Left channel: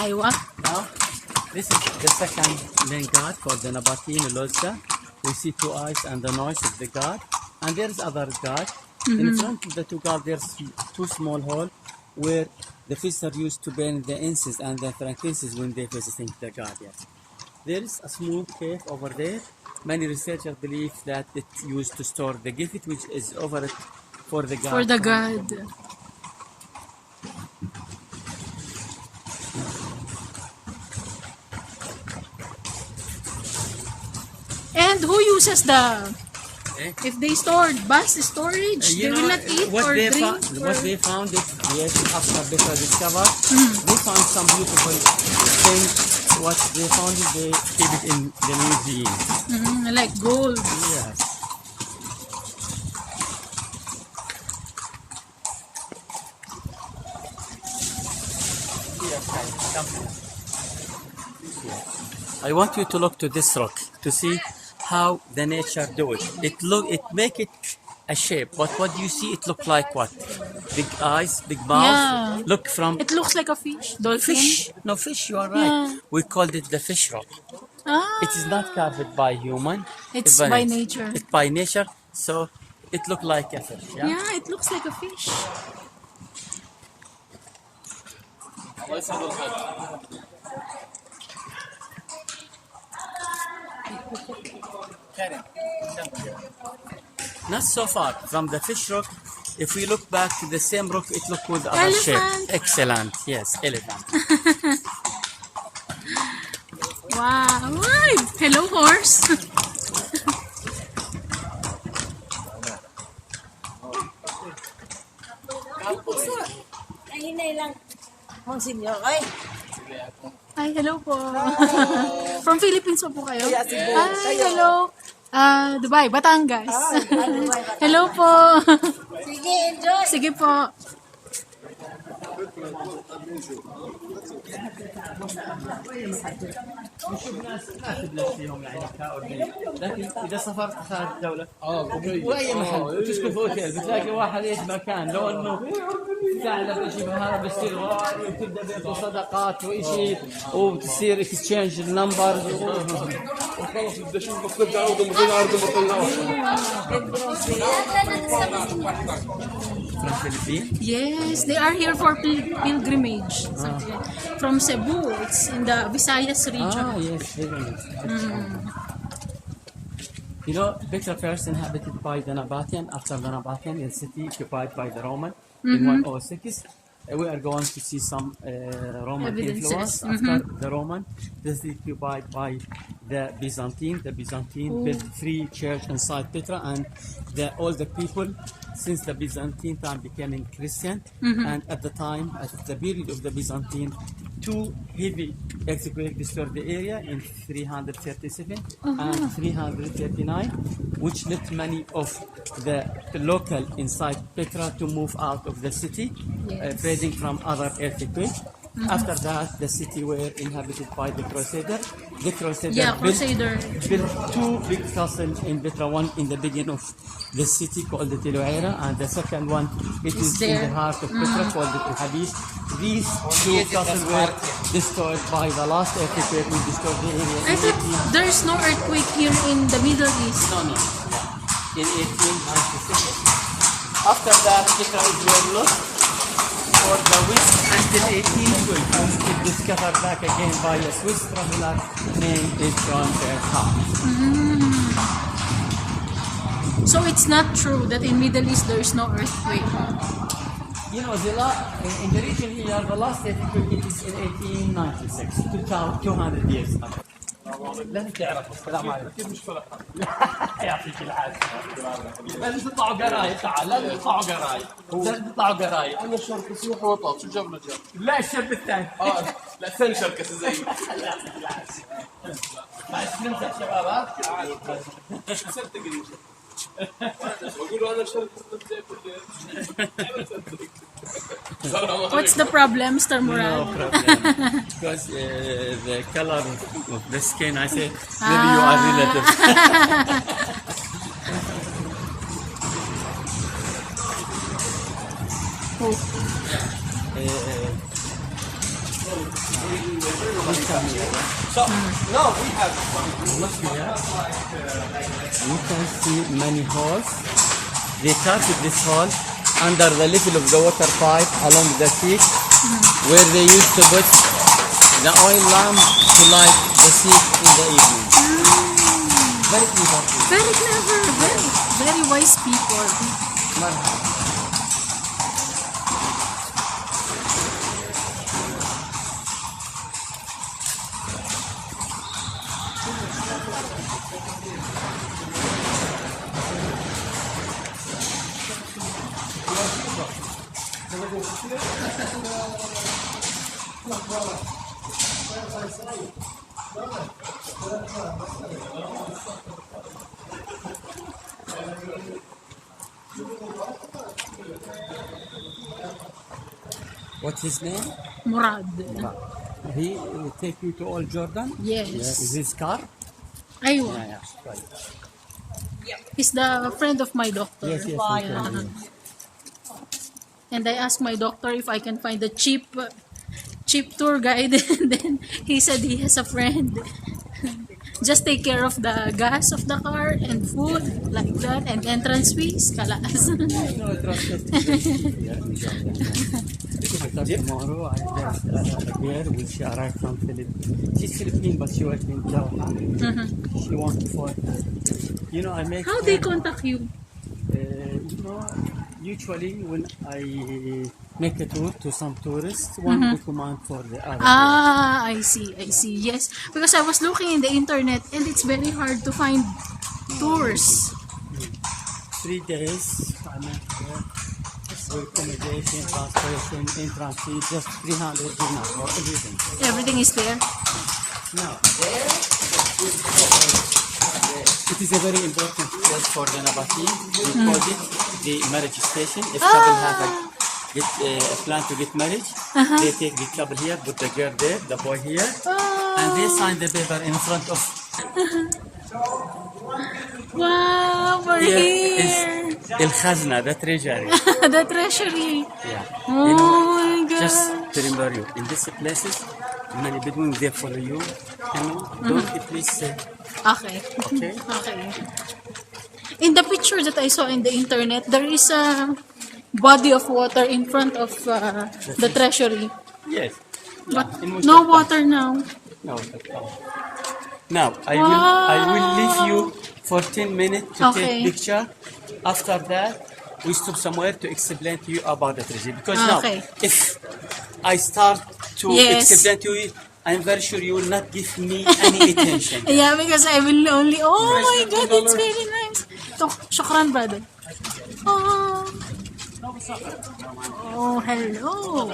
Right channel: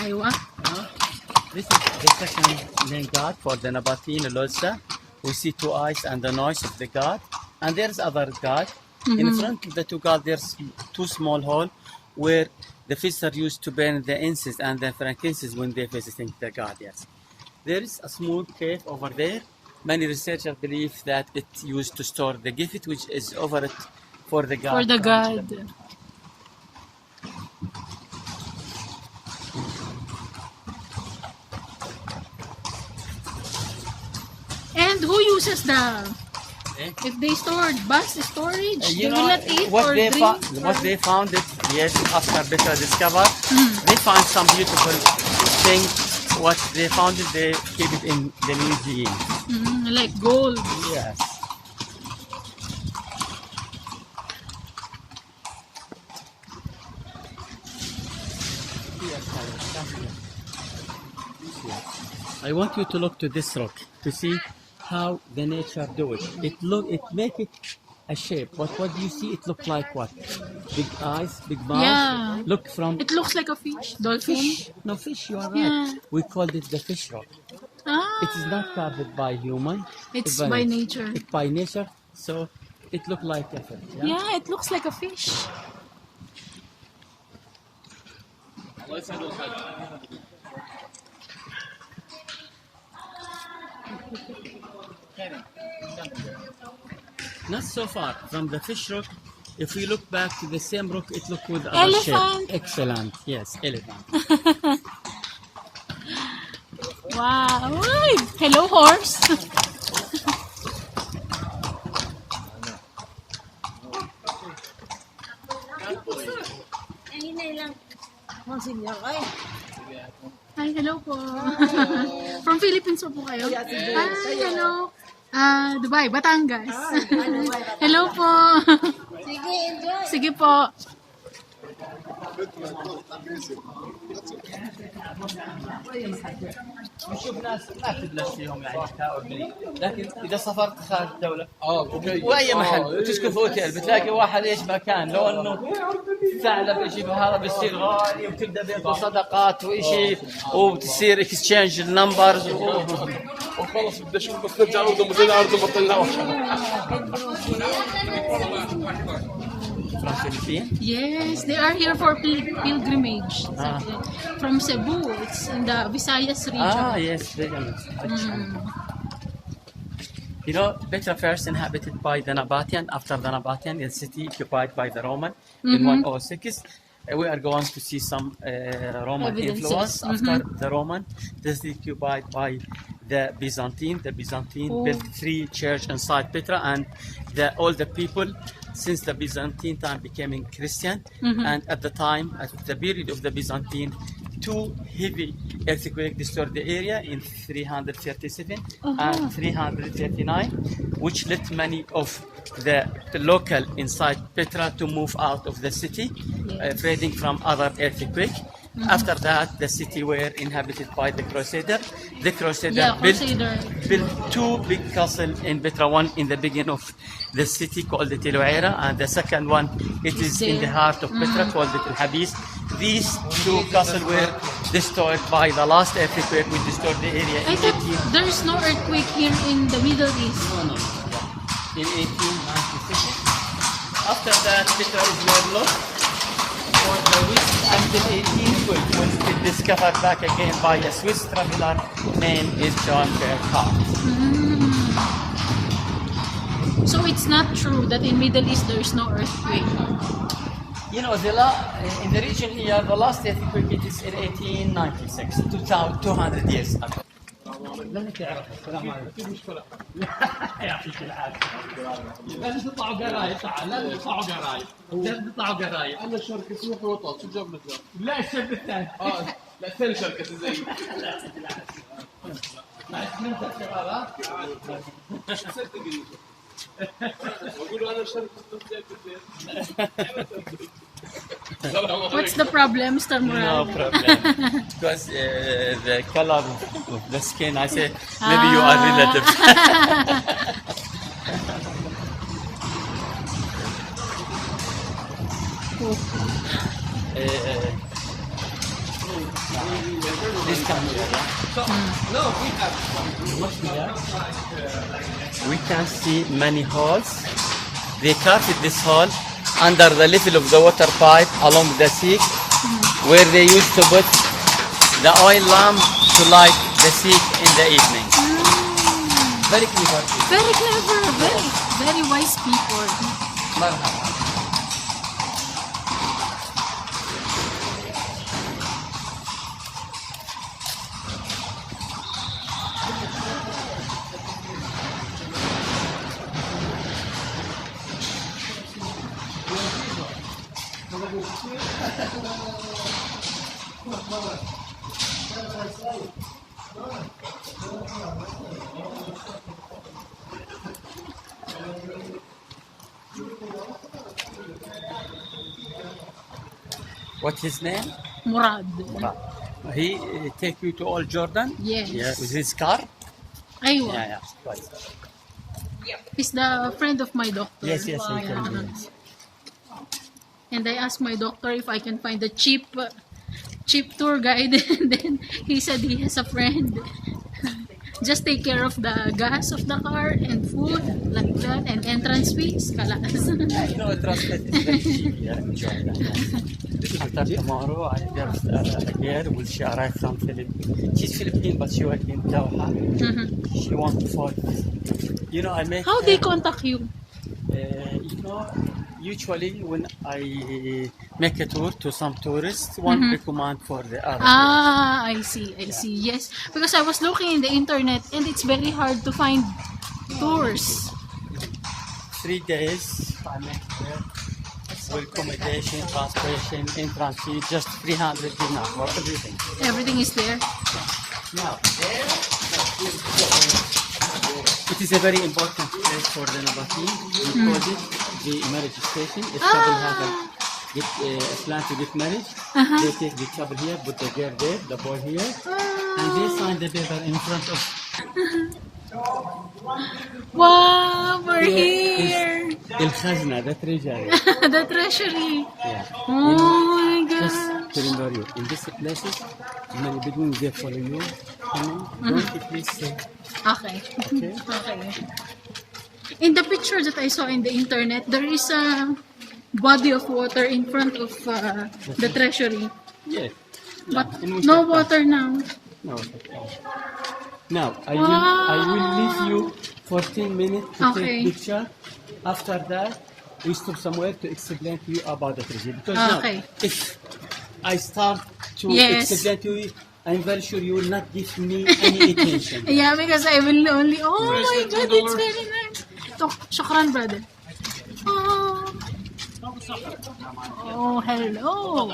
أيوة. Now, this is the second main god for the Nabatean Lodza. We see two eyes and the nose of the god. And there's other god. In front of the two gods, there's two small holes where the visitors used to burn the incense and the frankincense when they're visiting the god. Yes. There is a small cave over there. Many researchers believe that it used to store the gift which is over it for the god. For the god. And who uses the... If they stored bus storage, they will not eat or drink? What they found it, yes, after Petra discovered, they found some beautiful things. What they found it, they keep it in the museum. Like gold. Yes. I want you to look to this rock to see how the nature do it. It make it a shape. But what do you see? It look like what? Big eyes, big mouth. Yeah. Look from It looks like a fish. Dolphin. fish. No fish. You are right. Yeah. We called it the fish rock. Ah. It is not carved by human. It's by nature. It's by nature. So it look like a fish. Yeah. Yeah, it looks like a fish. Not so far from the fish rock. If we look back to the same rock, it look with other Elephant. shape. Excellent. Yes, elephant. Wow. Ay, hello, horse. Ay, hello po. From Philippines po kayo? Ay, hello. Dubai, Batangas. Hello po. Sige, enjoy. Sige po. نشوف ناس ما تبلش فيهم يعني كاوبلي، لكن اذا سافرت خارج الدوله واي محل تسكن في اوتيل بتلاقي واحد ايش مكان لو انه ثعلب يجيب هذا بيصير غالي وتبدا بيعطوا صدقات وشيء وبتصير اكسشينج النمبرز وخلص بدي اشوف بس نرجع اردن مثل اردن ما طلعوش. From Philippines? Yes, they are here for pilgrimage. From Cebu, it's in the Visayas region. Ah, yes, very nice. You know, Petra first inhabited by the Nabatean. After the Nabatean, the city occupied by the Roman in 106. We are going to see some Roman Evidences. influence after the Roman. This is occupied by the Byzantine. The Byzantine built 3 churches inside Petra, and all the people since the Byzantine time becoming Christian. And at the time, at the period of the Byzantine, 2 heavy earthquakes destroyed the area in 337 and 339, which led many of the local inside Petra to move out of the city, fleeing from other earthquakes. After that, the city were inhabited by the Crusader. The Crusader built 2 big castles in Petra. One in the beginning of the city called the Teloera, and the second one it is in the heart of Petra called the Habis. These 2 castles were destroyed by the last earthquake which destroyed the area. I thought there is no earthquake here in the Middle East. In 1897. After that, Petra is were lost for the West until 1812, when it discovered back again by a Swiss traveler named John Bernhard. So it's not true that in Middle East there is no earthquake. You know, in the region here, the last earthquake it is in 1896, 200 years ago. لازم تعرف السلام عليكم. كيف مشكلة؟ يعطيك العافية. لازم تطلعوا قرايب تعال، لازم تطلعوا قرايب. لازم تطلعوا قرايب. أنا شركة سموحة وطاط، شو جاب له جاب؟ لا الشاب الثاني. لا الثاني شركة زي. الله يعطيك العافية. معلش نمسك شباب ها؟ صدقني. بقول أنا شركة What's the problem, Mr. Murad? No problem. Because the color of the skin, I say, maybe you are relative. Please come here. So, no, we have. Look here. We can see many holes. They carved this hole under the level of the water pipe along the seat, where they used to put the oil lamp to light the seat in the evening. Very clever. Very clever. Very wise people. What's his name? Murad. He take you to all Jordan? Yes. Yeah, with his car? Aywa. Yeah, yeah. Right. He's the friend of my doctor. Yes, yes, I Yeah. can. And I asked my doctor if I can find a cheap tour guide. And then he said he has a friend. Just take care of the gas of the car and food, like that, and entrance fees. Kalas. You know, translate is very cheap here in Jordan. After tomorrow, I just a girl will she arrive from Philippines. She's Filipino, but she works in Doha. She wants to fly. You know, I make. How they contact you? You know, usually when I make a tour to some tourists, one recommend for the other. Ah, I see. Yes, because I was looking in the internet and it's very hard to find tours. 3 days, I make there. For accommodation, transportation, entrance fee, just 300 dinar for everything. Everything is there. Now, it is a very important place for the Nabatean. We call it the marriage station. If couple has a plan to get married, they take the couple here, put the girl there, the boy here, and they sign the paper in front of. Wow, we're here. El Khazna, the treasury. The treasury. Yeah. Oh my God. Just to remember you, in these places, many Bedouins they follow you. Don't you please say, Okay. okay? Okay. In the picture that I saw in the internet, there is a body of water in front of the treasury. Yes. But In no Uzbekistan. water now. No. Now, I will leave you for 10 minutes to Okay. take picture. After that, we stop somewhere to explain to you about the treasury. Because Okay. now, if I start to Yes. explain to you, I'm very sure you will not give me any attention. Yeah, because I will only... Oh my God, it's very nice. Shukran, brother. Oh. Oh, hello.